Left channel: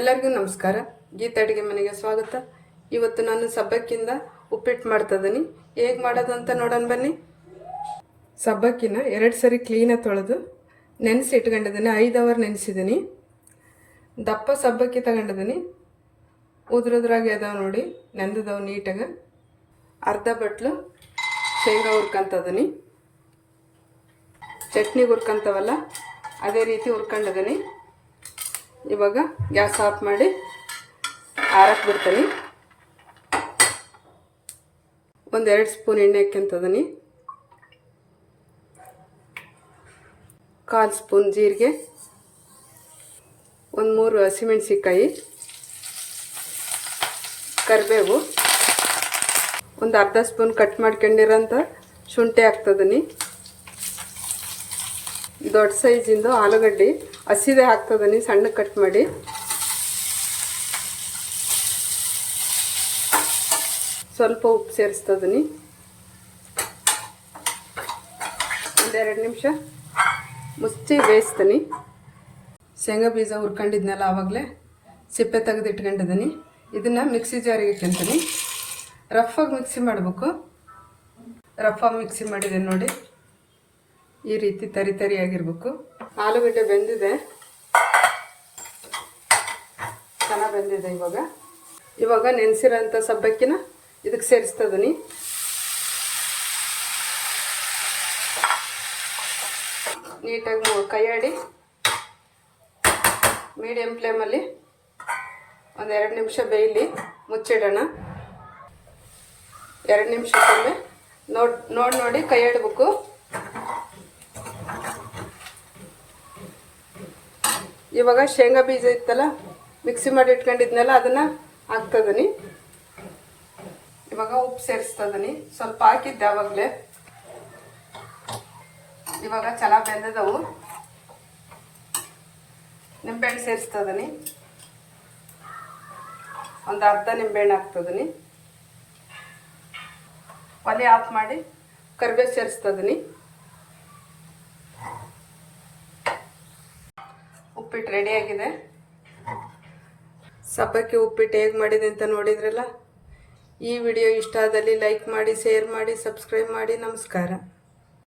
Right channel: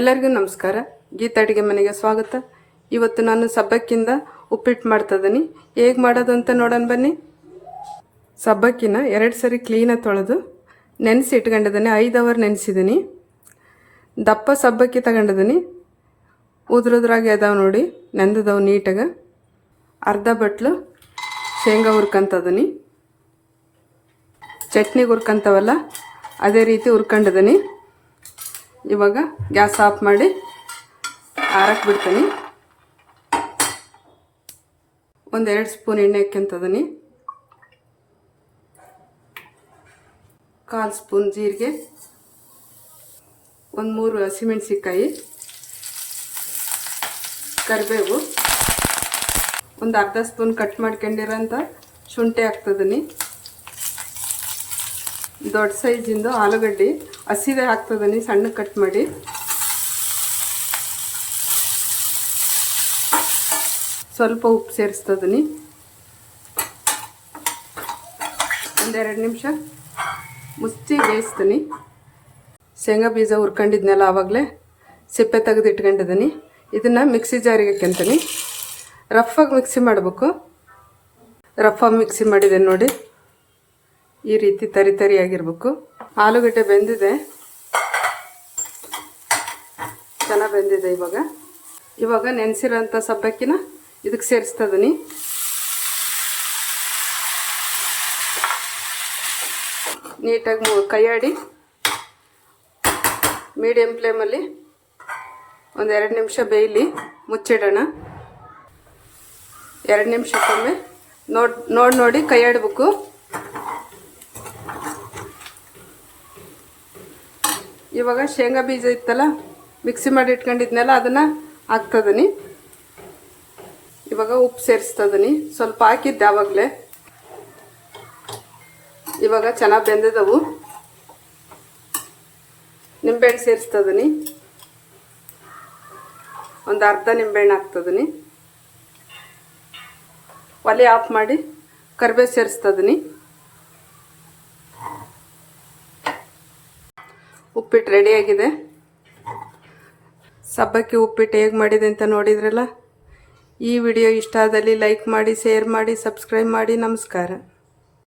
ಎಲ್ಲರಿಗೂ ನಮಸ್ಕಾರ. ಗೀತಾ ಅಡುಗೆ ಮನೆಗೆ ಸ್ವಾಗತ. ಇವತ್ತು ನಾನು ಸಬ್ಬಕ್ಕಿಂದ ಉಪ್ಪಿಟ್ಟು ಮಾಡ್ತಿದ್ದೀನಿ ಹೇಗೆ ಮಾಡೋದು ಅಂತ ನೋಡೋಣ ಬನ್ನಿ. ಸಬ್ಬಕ್ಕಿನ ಎರಡು ಸರಿ ಕ್ಲೀನಾಗಿ ತೊಳೆದು ನೆನೆಸಿ ಇಟ್ಕೊಂಡಿದ್ದೀನಿ ಐದು ಅವರ್ ನೆನೆಸಿದ್ದೀನಿ ದಪ್ಪ ಸಬ್ಬಕ್ಕಿ ತಗೊಂಡಿದ್ದೀನಿ ಉದ್ರುದ್ರಾಗಿ ಅದಾವೆ ನೋಡಿ, ನೆಂದದವು ನೀಟಾಗ. ಅರ್ಧ ಬಟ್ಲು ಶೇಂಗಾ ಹುರ್ಕೊಂತದೀನಿ. ಚಟ್ನಿಗೆ ಹುರ್ಕೊಂತವಲ್ಲ, ಅದೇ ರೀತಿ ಹುರ್ಕೊಂಡಿದ್ದೀನಿ ಇವಾಗ ಗ್ಯಾಸ್ ಆಫ್ ಮಾಡಿ ಆರಕ್ಕೆ ಬಿಡ್ತೀನಿ. ಒಂದೆರಡು ಸ್ಪೂನ್ ಎಣ್ಣೆ ಹಾಕ್ಯಂತದೀನಿ ಕಾಲು ಸ್ಪೂನ್ ಜೀರಿಗೆ. ಒಂದು ಮೂರು ಹಸಿಮೆಣ್ಸಿಕಾಯಿ ಕರಿಬೇವು. ಒಂದು ಅರ್ಧ ಸ್ಪೂನ್ ಕಟ್ ಮಾಡ್ಕೊಂಡಿರೋಂಥ ಶುಂಠಿ ಹಾಕ್ತದೀನಿ ದೊಡ್ಡ ಸೈಜಿಂದು ಆಲೂಗಡ್ಡೆ. ಹಸಿದೆ ಹಾಕ್ತದನಿ ಸಣ್ಣ ಕಟ್ ಮಾಡಿ. ಸ್ವಲ್ಪ ಉಪ್ಪು ಸೇರಿಸ್ತದನಿ ಒಂದೆರಡು ನಿಮಿಷ ಮುಚ್ಚಿ ಬೇಯಿಸ್ತೀನಿ ಶೇಂಗಾ ಬೀಜ ಹುರ್ಕೊಂಡಿದ್ನಲ್ಲ ಆವಾಗಲೇ? ಸಿಪ್ಪೆ ತೆಗೆದು ಇಟ್ಕೊಂಡಿದ್ದೀನಿ ಇದನ್ನು ಮಿಕ್ಸಿ ಜಾರಿಗೆ ಹಾಕ್ಯಂತೀನಿ ರಫಾಗಿ ಮಿಕ್ಸಿ ಮಾಡಬೇಕು. ರಫಾಗಿ ಮಿಕ್ಸಿ ಮಾಡಿದೆ ನೋಡಿ. ಈ ರೀತಿ ತರಿ ತರಿಯಾಗಿರ್ಬೇಕು ಆಲೂಗಡ್ಡೆ ಬೆಂದಿದೆ. ಚೆನ್ನಾಗಿ ಬೆಂದಿದೆ ಇವಾಗ. ಇವಾಗ ನೆನೆಸಿರೋಂಥ ಸಬ್ಬಕ್ಕಿನ ಇದಕ್ಕೆ ಸೇರಿಸ್ತದನಿ ನೀಟಾಗಿ ಕೈಯಾಡಿ ಮೀಡಿಯಮ್ ಫ್ಲೇಮಲ್ಲಿ ಎರಡು ನಿಮಿಷ ಬೇಯಲಿ, ಮುಚ್ಚಿಡೋಣ. ಎರಡು ನಿಮಿಷಕ್ಕೊಮ್ಮೆ ನೋಡಿ ನೋಡಿ ನೋಡಿ ಕೈಯಾಡಬೇಕು. ಇವಾಗ ಶೇಂಗಾ ಬೀಜ ಇತ್ತಲ್ಲ ಮಿಕ್ಸಿ ಮಾಡಿ ಇಟ್ಕೊಂಡಿದ್ನಲ್ಲ, ಅದನ್ನು ಹಾಕ್ತದನಿ. ಇವಾಗ ಉಪ್ಪು ಸೇರಿಸ್ತದನಿ. ಸ್ವಲ್ಪ ಹಾಕಿದ್ದೆ ಆವಾಗಲೇ. ಇವಾಗ ಚೆನ್ನಾಗಿ ಬೆಂದಿದವು. ನಿಂಬೆಹಣ್ಣು ಸೇರಿಸ್ತದನಿ. ಒಂದು ಅರ್ಧ ನಿಂಬೆಹಣ್ಣು ಹಾಕ್ತದನಿ. ಒಲೆ ಆಫ್ ಮಾಡಿ ಕರಿಬೇವು ಸೇರಿಸ್ತದನಿ. ಉಪ್ಪಿಟ್ಟು ರೆಡಿಯಾಗಿದೆ ಸಬ್ಬಕ್ಕಿ ಉಪ್ಪಿಟ್ಟು ಹೇಗೆ ಮಾಡಿದೆ ಅಂತ ನೋಡಿದ್ರಲ್ಲ? ಈ ವಿಡಿಯೋ ಇಷ್ಟ ಆದಲ್ಲಿ ಲೈಕ್ ಮಾಡಿ ಶೇರ್ ಮಾಡಿ ಸಬ್ಸ್ಕ್ರೈಬ್ ಮಾಡಿ. ನಮಸ್ಕಾರ.